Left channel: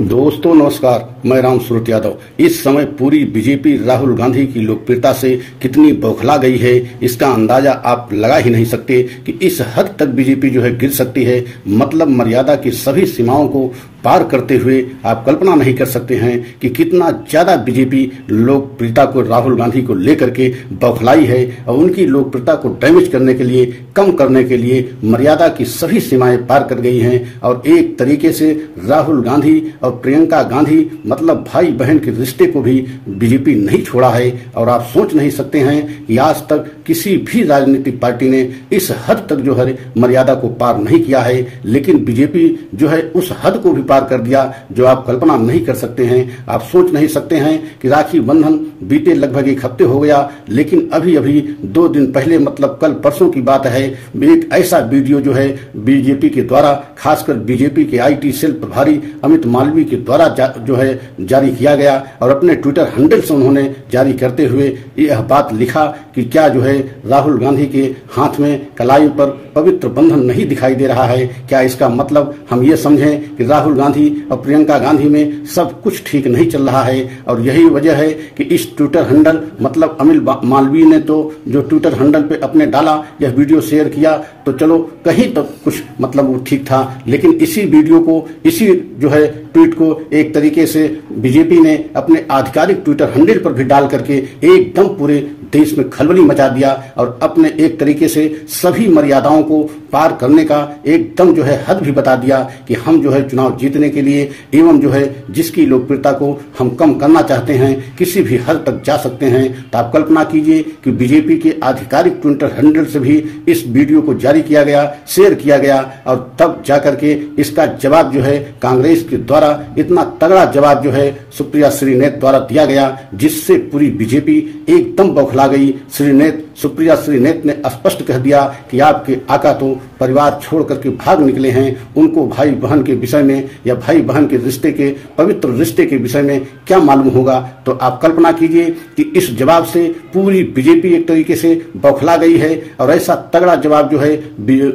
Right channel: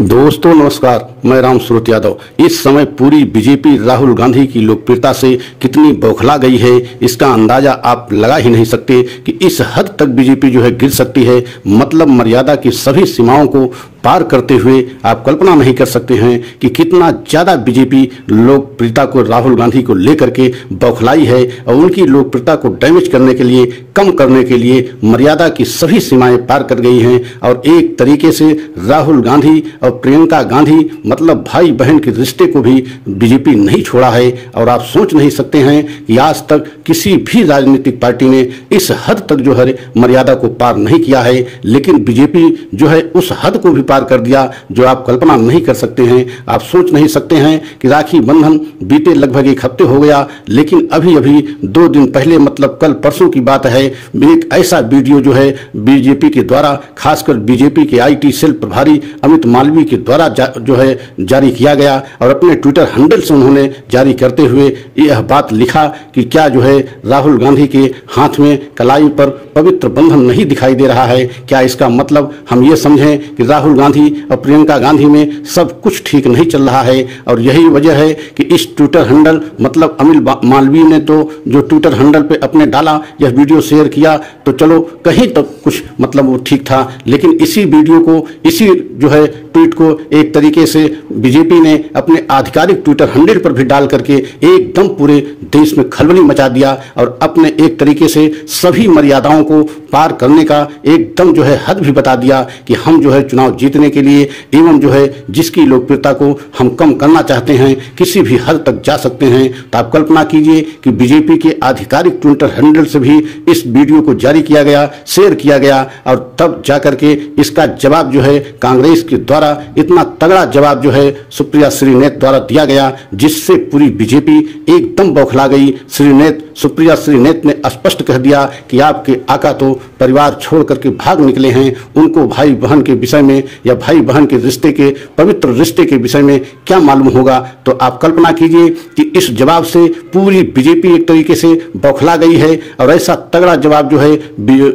दोस्तों नमस्कार, मैं राम सूरत यादव। इस समय पूरी बीजेपी राहुल गांधी की लोकप्रियता से कितनी बौखला गई है, इसका अंदाजा आप लगा ही नहीं सकते कि इस हद तक बीजेपी जो है गिर सकती है। मतलब मर्यादा की सभी सीमाओं को पार करते हुए आप कल्पना नहीं कर सकते हैं कि कितना ज्यादा बीजेपी लोकप्रियता को राहुल गांधी को लेकर के बौखलाई है और उनकी लोकप्रियता को डैमेज करने के लिए, कम करने के लिए मर्यादा की सभी सीमाएं पार कर गई हैं। और एक तरीके से राहुल गांधी और प्रियंका गांधी मतलब भाई बहन के रिश्ते को भी बीजेपी नहीं छोड़ा है। और आप सोच नहीं सकते हैं कि आज तक किसी भी राजनीतिक पार्टी ने इस हद तक जो है मर्यादा को पार नहीं किया है, लेकिन बीजेपी जो है उस हद को भी पार कर दिया जो आप कल्पना नहीं कर सकते हैं। आप सोच नहीं सकते हैं कि राखी बंधन बीते लगभग एक हफ्ते हो गया, लेकिन अभी अभी 2 दिन पहले मतलब कल परसों की बात है, एक ऐसा वीडियो जो है बीजेपी के द्वारा, खासकर बीजेपी के आईटी सेल प्रभारी अमित मालवीय के द्वारा जो है जारी किया गया और अपने ट्विटर हैंडल से उन्होंने जारी करते हुए यह बात लिखा कि क्या जो है राहुल गांधी के हाथ में कलाई पर पवित्र बंधन नहीं दिखाई दे रहा है। क्या इसका मतलब हम ये समझें कि राहुल गांधी और प्रियंका गांधी में सब कुछ ठीक नहीं चल रहा है। और यही वजह है कि इस ट्विटर हैंडल मतलब अमित मालवीय ने तो जो ट्विटर हैंडल पे अपने डाला, यह वीडियो शेयर किया तो चलो कहीं तक कुछ मतलब वो ठीक था, लेकिन इसी वीडियो को, इसी जो है ट्वीट को एक तरीके से बीजेपी ने अपने आधिकारिक ट्विटर हैंडल पर भी डाल करके एकदम पूरे देश में खलबली मचा दिया और अपने एक तरीके से सभी मर्यादाओं को पार करने का एकदम जो है हद भी बता दिया कि हम जो है चुनाव जीतने के लिए एवं जो है जिसकी लोकप्रियता को हम कम करना चाहते हैं किसी भी हद तक जा सकते हैं। तो आप कल्पना कीजिए कि बीजेपी के आधिकारिक ट्विटर हैंडल से भी इस वीडियो को जारी किया गया, शेयर किया गया और तब जाकर के इसका जवाब जो है कांग्रेस के द्वारा इतना तगड़ा जवाब जो है सुप्रिया श्रीनेत द्वारा दिया गया, जिससे पूरी बीजेपी एकदम बौखला गई। सुप्रिया श्रीनेत ने स्पष्ट कह दिया कि आपके आका तो परिवार छोड़ करके भाग निकले हैं, उनको भाई बहन के विषय में या भाई बहन के रिश्ते के, पवित्र रिश्ते के विषय में क्या मालूम होगा। तो आप कल्पना कीजिए कि इस जवाब से पूरी बीजेपी एक तरीके से बौखला गई है और ऐसा तगड़ा जवाब जो है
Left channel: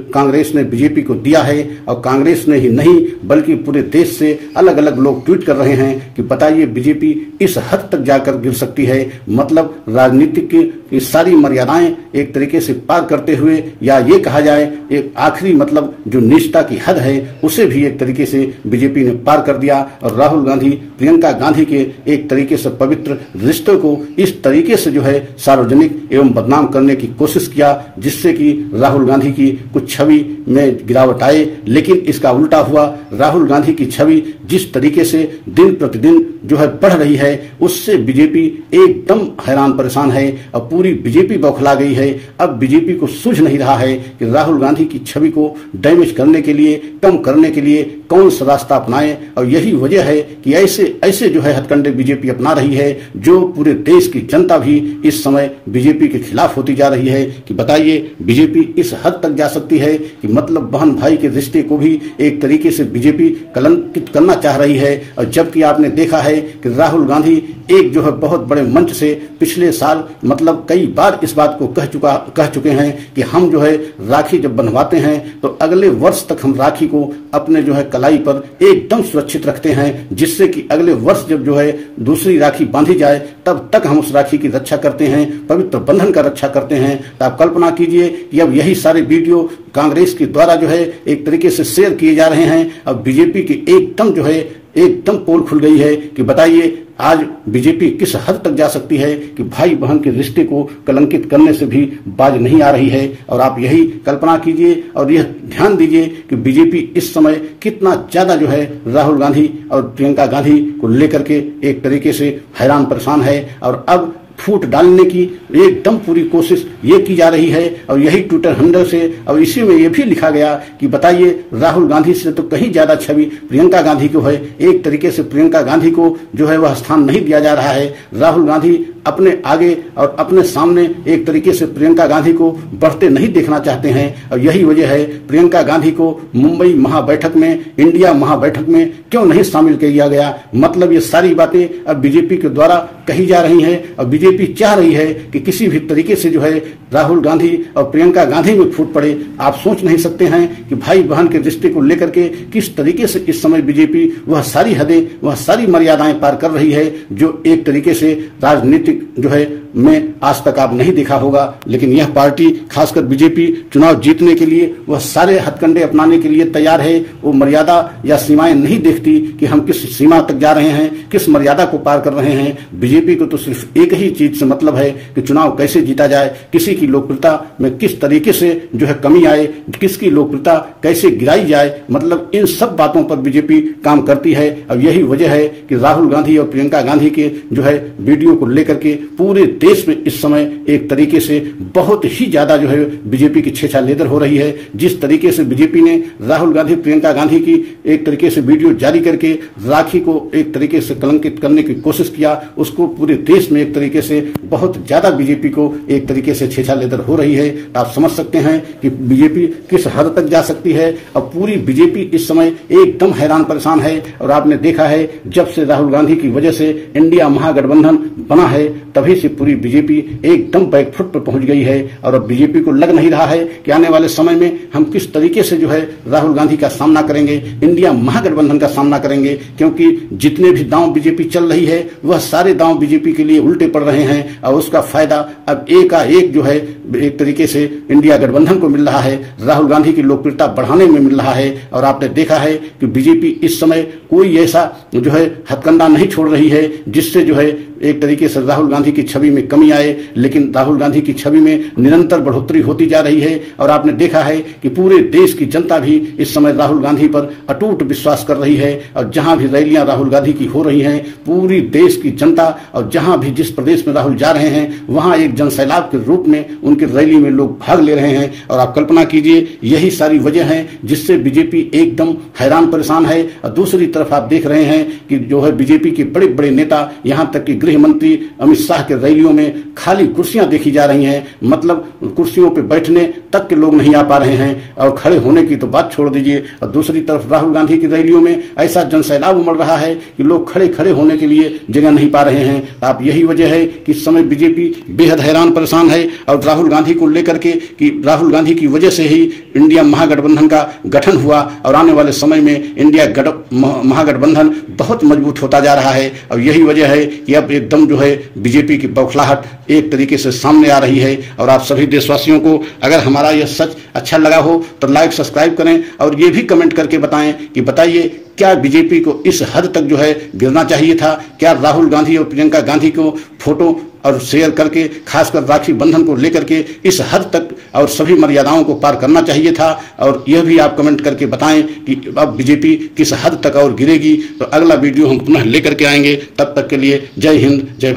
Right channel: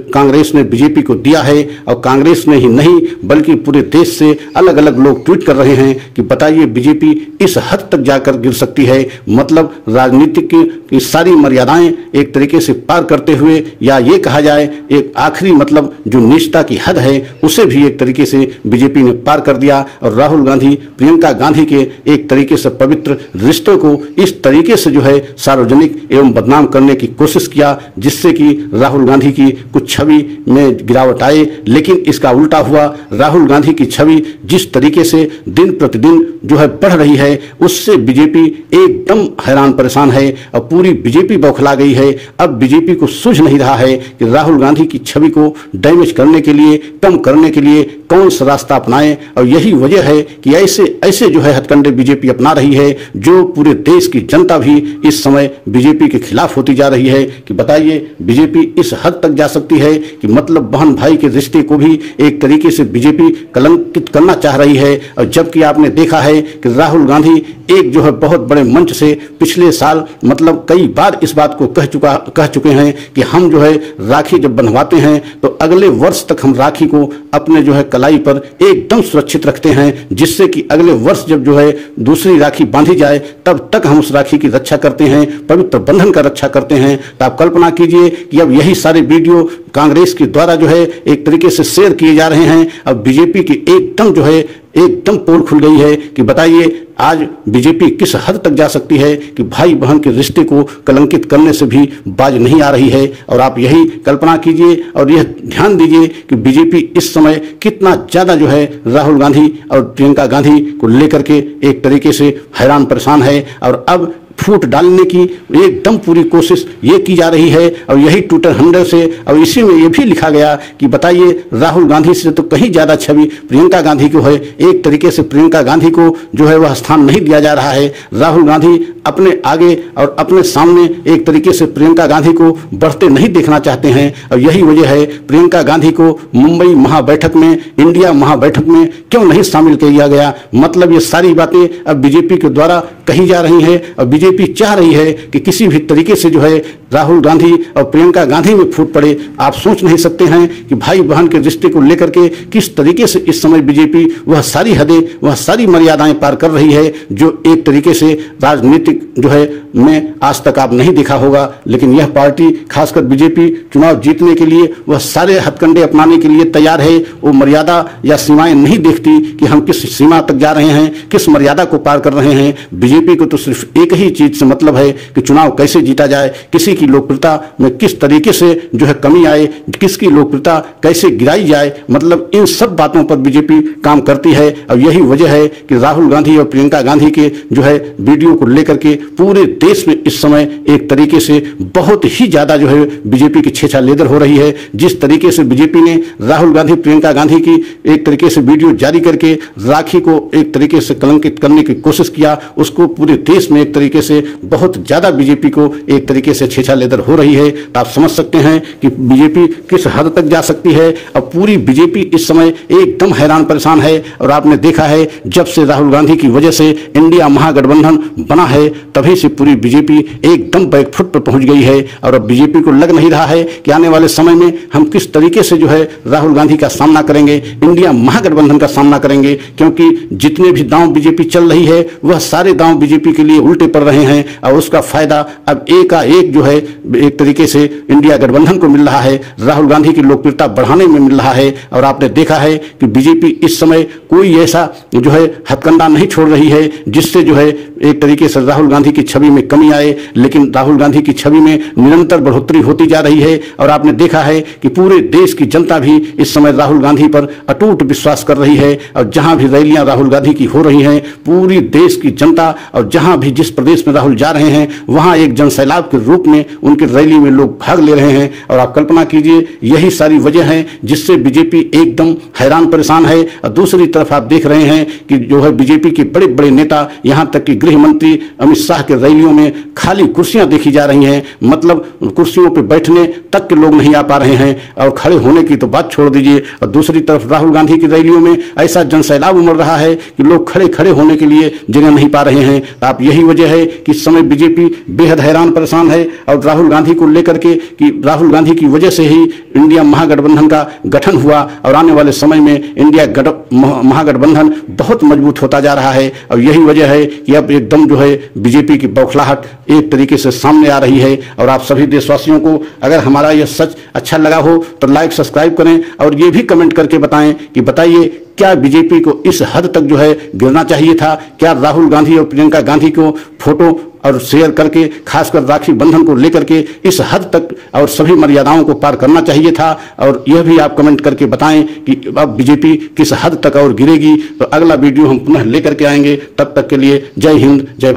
कांग्रेस ने बीजेपी को दिया है। और कांग्रेस ने ही नहीं बल्कि पूरे देश से अलग अलग लोग ट्वीट कर रहे हैं कि बताइए बीजेपी इस हद तक जाकर गिर सकती है। मतलब राजनीतिक की सारी मर्यादाएं एक तरीके से पार करते हुए, या ये कहा जाए एक आखिरी मतलब जो निष्ठा की हद है उसे भी एक तरीके से बीजेपी ने पार कर दिया और राहुल गांधी प्रियंका गांधी के एक तरीके से पवित्र रिश्तों को इस तरीके से जो है सार्वजनिक एवं बदनाम करने की कोशिश किया, जिससे कि राहुल गांधी की कुछ छवि में गिरावट आए। लेकिन इसका उल्टा हुआ, राहुल गांधी की छवि जिस तरीके से दिन प्रतिदिन जो है बढ़ रही है उससे बीजेपी एकदम हैरान परेशान है और पूरी बीजेपी बौखला गई है। अब बीजेपी को सूझ नहीं रहा है कि राहुल गांधी की छवि को डैमेज करने के लिए, कम करने के लिए कौन सा रास्ता अपनाए। और यही वजह है कि ऐसे जो है हथकंडे बीजेपी अपना रही है, जो पूरे देश की जनता भी इस समय बीजेपी के खिलाफ होती जा रही है। कि बताइए बीजेपी इस हद तक जा सकती है कि मतलब बहन भाई के रिश्ते को भी एक तरीके से बीजेपी कलंकित करना चाह रही है। और जबकि आपने देखा है कि राहुल गांधी एक जो है बहुत बड़े मंच से पिछले साल मतलब कई बार इस बात को कह चुके हैं कि हम जो है राखी जब बंधवाते हैं तो अगले वर्ष तक हम राखी को अपने जो है कलाई पर एकदम सुरक्षित रखते हैं, जिससे कि अगले वर्ष जब जो है दूसरी राखी बांधी जाए तब तक हम उस राखी की रक्षा करते हैं, पवित्र बंधन का रक्षा करते हैं। तो आप कल्पना कीजिए कि अब यही सारे वीडियो कांग्रेस के द्वारा जो है एक तरीके से शेयर किए जा रहे हैं। अब बीजेपी की एकदम जो है एकदम पोल खुल गई है कि बताइए आज बीजेपी किस हद तक जा सकती है कि भाई बहन के रिश्ते को कलंकित करने से भी बाज नहीं आ रही है। और आप यही कल्पना कीजिए और यह ध्यान दीजिए कि बीजेपी इस समय कितना ज्यादा जो है राहुल गांधी और प्रियंका गांधी को लेकर के एक तरीके से हैरान परेशान है। और अब फूट डालने की एकदम पूरी कोशिश ये की जा रही है। और यही ट्विटर हैंडल से और इसी में ये भी लिखा गया कि बताइए राहुल गांधी से तो कहीं ज्यादा छवि प्रियंका गांधी को है। एक तरीके से प्रियंका गांधी को जो है वह स्थान नहीं दिया जा रहा है। राहुल गांधी अपने आगे और अपने सामने एक तरीके से प्रियंका गांधी को बढ़ते नहीं देखना चाहते हैं। और यही वजह है प्रियंका गांधी को मुंबई महाबैठक में, इंडिया महाबैठक में क्यों नहीं शामिल किया गया। मतलब ये सारी बातें अब बीजेपी के द्वारा कही जा रही है और बीजेपी चाह रही है कि किसी भी तरीके से जो है राहुल गांधी और प्रियंका गांधी में फूट पड़े। आप सोच नहीं सकते हैं कि भाई बहन के रिश्ते को लेकर के किस तरीके से इस समय बीजेपी वह सारी हदें, वह सारी मर्यादाएं पार कर रही है जो एक तरीके से राजनीतिक जो है में आज तक आप नहीं देखा होगा। लेकिन यह पार्टी खासकर बीजेपी चुनाव जीतने के लिए वह सारे हथकंडे अपनाने के लिए तैयार है। वो मर्यादा या सीमाएं नहीं देखती कि हम किस सीमा तक जा रहे हैं, किस मर्यादा को पार कर रहे हैं। बीजेपी को तो सिर्फ एक ही चीज से मतलब है कि चुनाव कैसे जीता जाए, किसी की लोकप्रियता में किस तरीके से जो है कमी आए, किसकी लोकप्रियता कैसे गिराई जाए, मतलब इन सब बातों पर बीजेपी काम करती है। और यही वजह है कि राहुल गांधी और प्रियंका गांधी के जो है वीडियो को लेकर के पूरे देश में इस समय एक तरीके से बहुत ही ज्यादा जो है बीजेपी की छेछा लेदर हो रही है। जिस तरीके से बीजेपी ने राहुल गांधी प्रियंका गांधी की एक तरीके से वीडियो जारी करके राखी को एक तरीके से कलंकित करने की कोशिश किया, उसको पूरे देश में एक तरीके से बहुत ज्यादा बीजेपी को एक तरीके से छेछा लेदर हो रही है। तो आप समझ सकते हैं कि बीजेपी किस हद तक जा सकती है। और पूरी बीजेपी इस समय एकदम हैरान परेशान है। और आपने देखा है जब से राहुल गांधी की वजह से इंडिया महागठबंधन बना है तभी से पूरी बीजेपी एकदम बैकफुट पर पहुंच गई है। और अब बीजेपी को लग नहीं रहा है कि आने वाले समय में हम किस तरीके से जो है राहुल गांधी का सामना करेंगे, इंडिया महागठबंधन का सामना करेंगे, क्योंकि जितने भी दांव बीजेपी चल रही है वह सारे दांव बीजेपी के लिए उल्टे पड़ रहे हैं। और उसका फायदा अब एकाएक जो है एक तरीके से इंडिया गठबंधन को मिल रहा है, राहुल गांधी की लोकप्रियता बढ़ाने में मिल रहा है। और आपने देखा है कि बीजेपी इस समय कोई ऐसा जो है हथकंडा नहीं छोड़ रही है जिससे जो है एक तरीके से राहुल गांधी की छवि में कमी आए, लेकिन राहुल गांधी की छवि में निरंतर बढ़ोतरी होती जा रही है। और आपने देखा है कि पूरे देश की जनता भी इस समय राहुल गांधी पर अटूट विश्वास कर रही है। और जहां भी रैलियां राहुल गांधी की हो रही हैं, पूरी देश की जनता और जहां भी जिस प्रदेश में राहुल जा रहे हैं वहां एक जनसैलाब के रूप में उनकी रैली में लोग भाग ले रहे हैं। और आप कल्पना कीजिए यही सारी वजह है जिससे बीजेपी एकदम हैरान परेशान है। और दूसरी तरफ आप देख रहे हैं कि जो है बीजेपी के बड़े बड़े नेता, यहां तक कि गृह मंत्री अमित शाह के रैलियों में खाली कुर्सियां देखी जा रही हैं, मतलब कुर्सियों पर बैठने तक के लोग नहीं आ पा रहे हैं और खड़े होने की तो बात छोड़ दीजिए। और दूसरी तरफ राहुल गांधी की रैलियों में ऐसा जनसैलाब उमड़ रहा है कि लोग खड़े खड़े होने के लिए जगह नहीं पा रहे हैं। आप यही वजह है कि इस समय बीजेपी बेहद हैरान परेशान है। और राहुल गांधी को लेकर के कि राहुल गांधी की वजह से ही इंडिया महागठबंधन का गठन हुआ और आने वाले समय में इंडिया महागठबंधन बहुत मजबूत होता जा रहा है। और यही वजह है कि अब एकदम जो है बीजेपी की बौखलाहट एक तरीके से सामने आ रही है। और आप सभी देशवासियों को अगर हमारा यह सच अच्छा लगा हो तो लाइक सब्सक्राइब करें और ये भी कमेंट करके बताएं कि बताइए क्या बीजेपी को इस हद तक जो है गिरना चाहिए था? क्या राहुल गांधी और प्रियंका गांधी को फोटो और शेयर करके खासकर राखी बंधन को लेकर के इस हद तक और सभी मर्यादाओं को पार करना चाहिए था? और यह भी आप कमेंट करके बताएं कि अब बीजेपी किस हद तक और गिरेगी। तो अगला वीडियो हम पुनः लेकर के आएंगे। तब तक के लिए जय हिंद, जय भारत।